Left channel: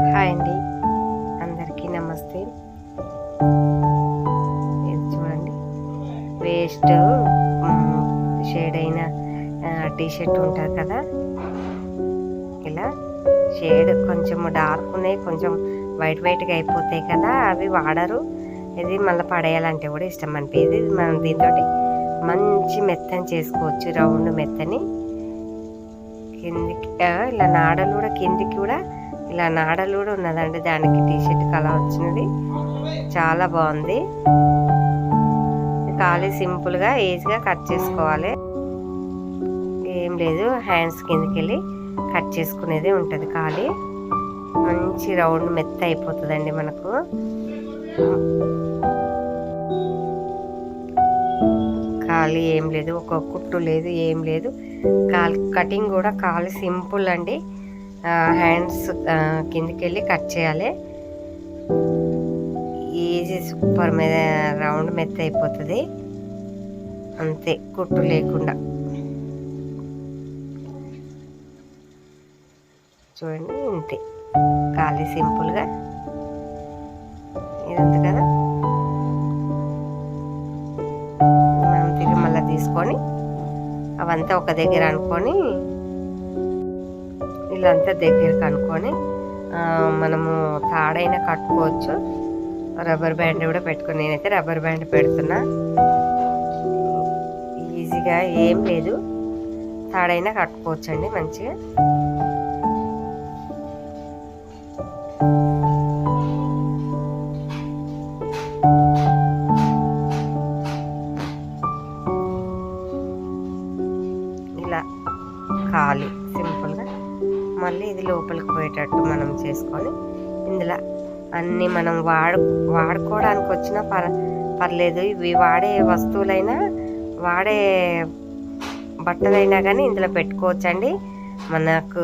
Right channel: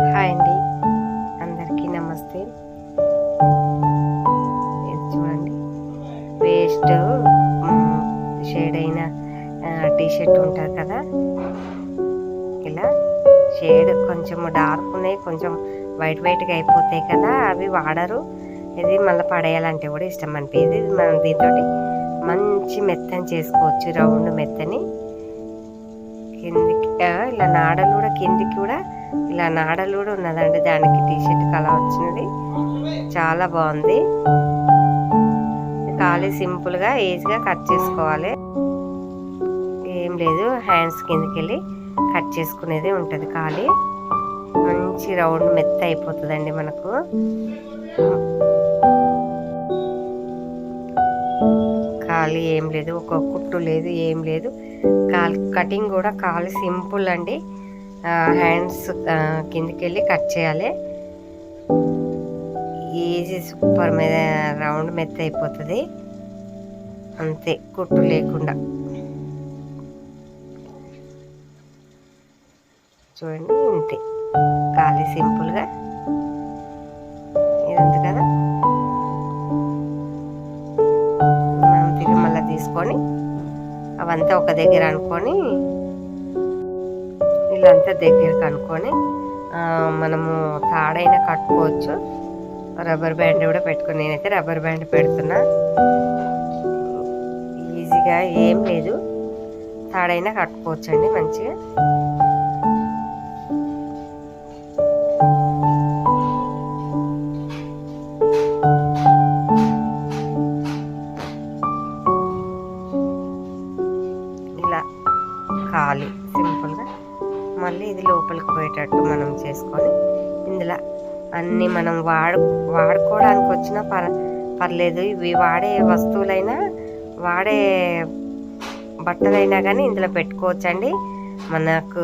Hi అండి, అందరికీ నమస్తే. ఇది చూడండి, వేస్ట్ షేడ్ అయిన టీషర్ట్ ఉంటుంది కదా, ఇలా షేడ్ కొంచెం డార్క్ ఉన్నాయి, కొంచెం వైట్గా అయిపోతాయి కదా, అవి వాడరు. ఇది మళ్ళీ పడేయాలంటే కూడా ఇష్టం అనిపించేది. మనం దీంతో మంచి మెత్తని చేసుకోవచ్చు, రౌండ్ మెత్తని. కిందికి ఇలా నాడలు కూడా, కిందికి కూడా ఇలా నాడలు కూడా ఉన్నదండి దానికి. టీషర్ట్ కలర్ వచ్చినది, చాలా బాగుంది. ఖాళీ సింపుల్గా ఈజీగా కట్ చేసుకోవాలి, ఏం లేదు. హ్యాండ్స్ కిందకి వెళ్ళి కట్ చేసుకునేది ఉంటుంది. ఖాళీ మంచి రౌండ్ మెత్త అయిపోతుందండి మనకు. ఖాళీ ఏం లేదు, ఒక కుట్టు లేదు, ఏం లేదు. కటింగ్ కూడా ఖాళీ సింపుల్ అండి. హ్యాండ్స్ కిందికి వెళ్ళి కట్ చేయాలి, ఈజీ, సూపర్ మీద రౌండ్ మెత్త అయిపోతుంది అంతే, కుట్టు లేకుండా. చూడండి, ఇంతే, ఖాళీ సింపుల్గా ఇది ఉంది కదా. మనం తిరిగి మళ్ళీ తీసుకొని అవంతా ఒక దగ్గర అనుకొని, ఇల్లంతా దగ్గరకు అనుకొని మనము తాడైనా కట్టుకోవచ్చు. రబ్బర్ బ్యాండ్ కూడా పెట్టుకుని, నేనైతే రబ్బర్ బ్యాండ్ పెడుతున్నా. ఈజీగా ఏం లేదు, తాడైనా కట్టుకోవచ్చు అండి మంచిగా. ఇలా ఖాళీ సింపుల్గా మళ్ళీ ఇది లోపలికి పోయేటట్టు మనం చేసుకొని, ఇందులో అన్నీ మనం వాడుకోవడానికి వచ్చినా పర్లేదు. ఇవి వాడే వస్తువులైనా, వాడే బట్టలైనా కానీ ఇందులో పెట్టుకోవచ్చండి. మనకు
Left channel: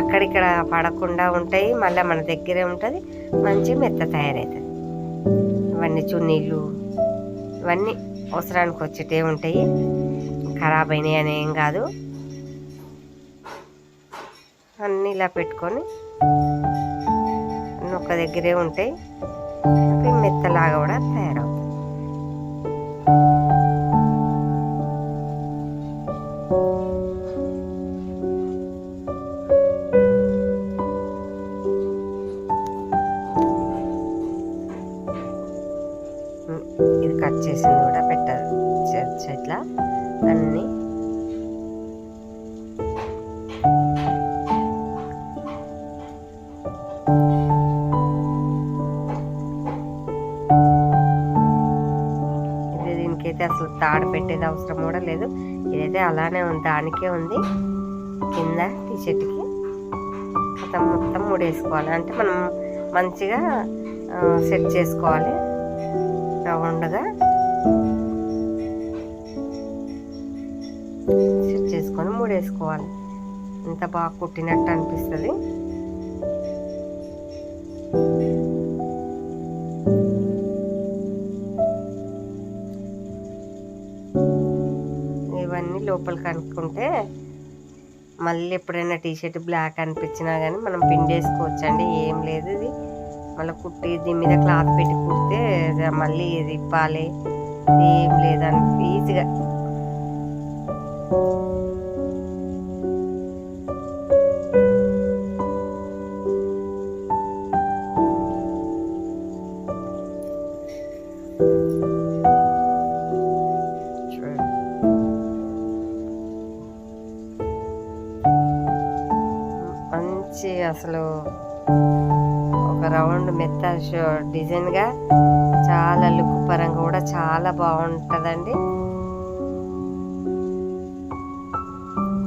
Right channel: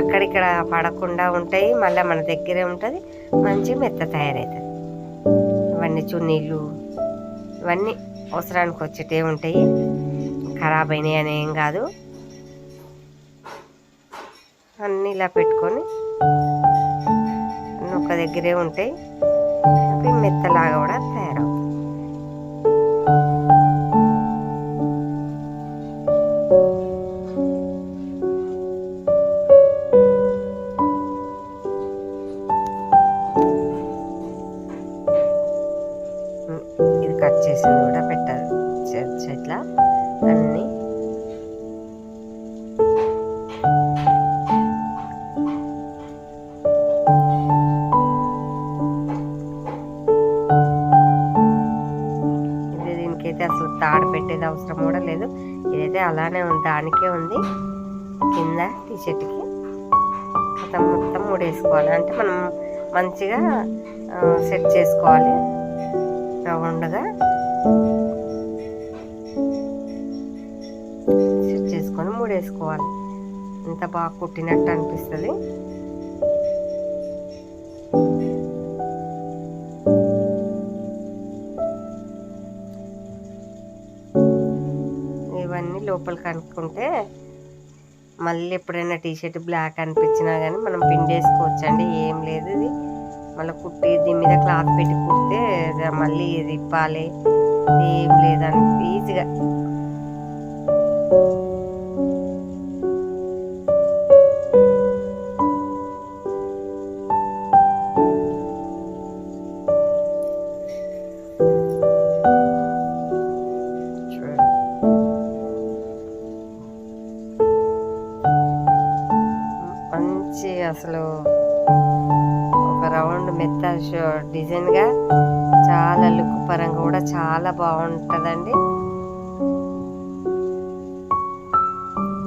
అక్కడిక్కడ పడకుండా ఉంటాయి, మళ్ళీ మన దగ్గరే ఉంటుంది, మంచి మెత్త తయారవుతుంది. ఇవన్నీ చున్నీళ్ళు, ఇవన్నీ అవసరానికి వచ్చేటే ఉంటాయి, ఖరాబ్ అయినాయి అని ఏం కాదు. అన్నీ ఇలా పెట్టుకొని అన్నీ ఒక దగ్గరే ఉంటాయి, అవి మెత్తలాగా కూడా తయారవుతాయి. ఇది కట్ చేసింది కూడా పెట్టాలి ఇట్లా అన్నీ. దీనికైతే అసలు తాడు పెట్టేది అవసరం కూడా లేదు, ఇదైతే అలానే ఉంది, దానికే ఉంది. కింద టీషర్ట్కి మొత్తం ముడేసుకోవాలి, అంటే మనం మంచిగా సెట్ చేసుకోవాలి రౌండ్గా. సెట్ చేసుకొని ముడేసుకోవాలి, ఎంత బాగా కుట్టినట్టు అనిపిస్తుంది. ఇవన్నీ లోపలికి అనుకుంటే మళ్ళీ ఎప్పుడైనా టీషర్ట్ బ్లాక్ అనిపించినా కానీ మనం పిండేసుకోవచ్చండి, ఏం లేదు. ఇది మళ్ళీ కుట్టి దీని మీద క్లాత్ పెట్టి కుడితే మళ్ళీ ఇది ఇప్పాలి, ఏం లేదని ఈజీగా. మంచి అసలు ఒక రౌండ్ మెత్త డిజైన్గా, చాలా లుక్ పరంగా కూడా చాలా బాగుంటుందండి.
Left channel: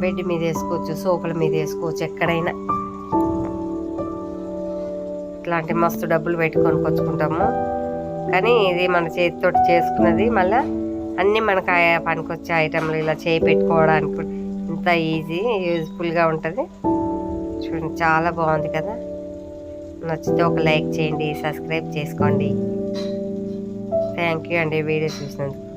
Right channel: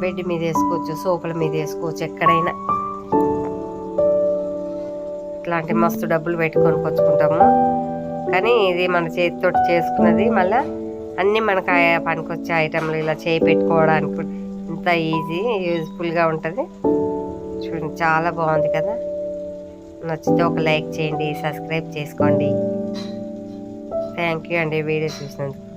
బెడ్ మీద వేసుకోవచ్చు, సోఫాల మీద వేసుకోవచ్చు, ఎక్కడైనా. ఇట్లాంటి మస్తు డబ్బులు పెట్టుకొని కొనుక్కుంటాము, కానీ ఇది మన చేతితో చేసుకున్నది. మళ్ళీ అన్నీ మనకు పనికొచ్చే ఐటెంలు ఇలా చేయి పెట్టుకోవడానికి ఇంత ఈజీ, యూజ్ఫుల్గా ఉంటుంది. చూడండి, చాలా బాగుంది కదా. నచ్చితే ఒక లైక్ చేయండి, సబ్స్క్రైబ్ చేసుకోండి. థ్యాంక్ యూ అండి వీడియో చూసినందుకు.